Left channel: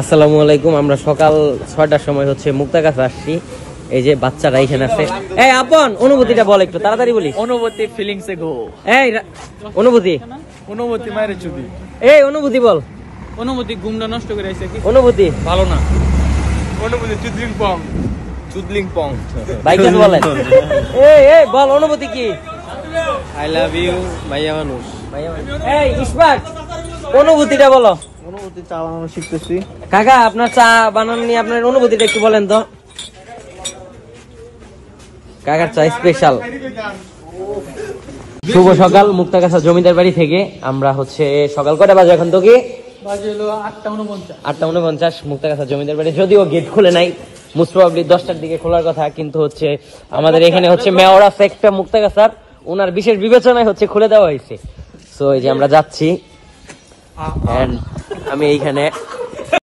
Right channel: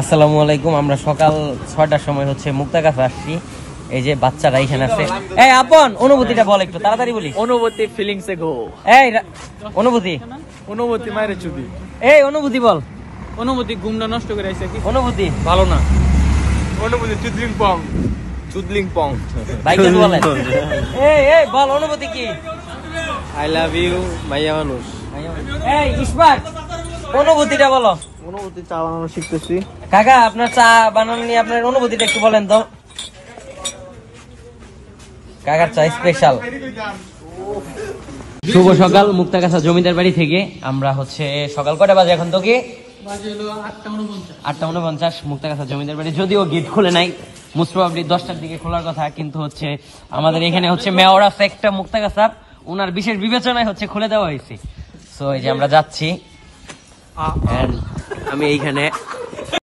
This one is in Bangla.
আসসালামু আলাইকুম। আমরা সকাল 6টার সময় হচ্ছে মুক্তাগাছা আসছি। এই যে বাচ্চারা এখানে আছে। এই আপন অনুভূতিটা বল একটু তাড়াতাড়ি বলিস। অনুভূতি ফিলিংসে গো। এই অনুভূতি মায়ের চুদি। এই অনুভূতি বল। অনুভূতি ঘুমটা নষ্ট করে আইছে কি অনুভূতি ভালো না। অনুভূতি চুদলিং পং ভাই কেন বলেন? এই বল অনুভূতি কি? আই লাভ ইউ মাইয়া মানুষ। এই ইসবাক অনুভূতিটা বলো। অনুভূতি চা বানানো শিখতেছি। কাকা আপনার চা বানানো নিয়ে আপনার অনুভূতিটা একটু বলেন তো। কাকার চা স্পেশাল। শুভ সকাল মুক্তাগাছা জমিদার বাড়ি থেকে আমরা হচ্ছে সকাল কটা বাজে এখন তো কি বাজে হলো 8:49 মুক্তাগাছা জমিদার বাড়ি। যদিও গেট খুলে নাই, মোস্ট প্রবাবলি 10টার দিকে খোলার কথা, কিন্তু হচ্ছে আমাদের এখানে হচ্ছে মেয়র আছে একটা মুক্তাগাছার, ওনার বিশেষ বিবেচনায় হচ্ছে খুলে দেওয়া হয়েছে। তো এই যে আমরা যাচ্ছি, আমি এইখানে